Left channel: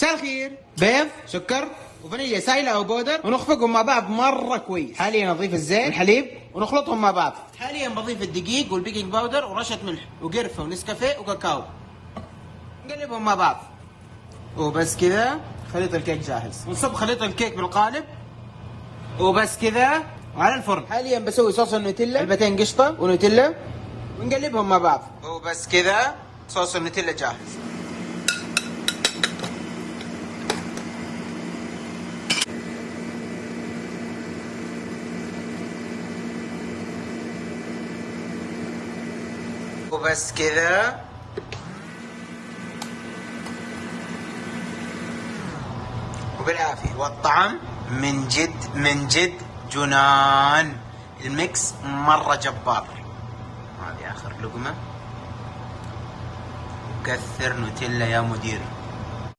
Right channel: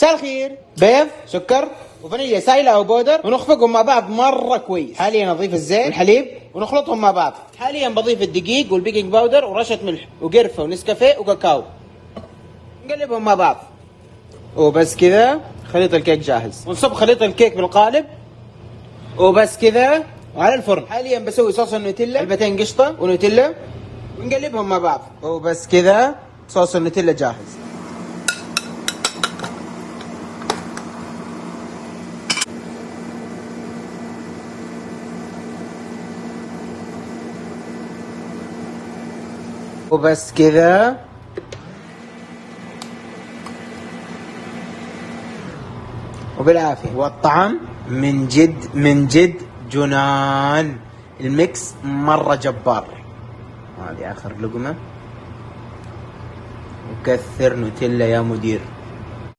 مساء الخير. بيض، سكر وفانيليا سايلة أو بودر، ونخفقهم مع بعض مرة كويس. حاليا أضيف الزيت والحليب ونخلطهم مع بعض. حاليا بضيف الدقيق والبيكنج باودر ورشة ملح وقرفة ونسكافيه وكاكاو. نقلبهم مع بعض. وبس كذا خليط الكيك جاهز. ونصب خليط الكيك بالقالب. وبس كذا وعلى الفرن. حاليا بسوي صوص النوتيلا، علبتين قشطة ونوتيلا، ونقلبهم مع بعض. وبس كذا صوص النوتيلا جاهز. وبس كذا. وبالعافية. والطعم من جد من جد جنان. الميكس مرة جبار. هذه آخر لقمة. وكثر نوتيلا يا مدير.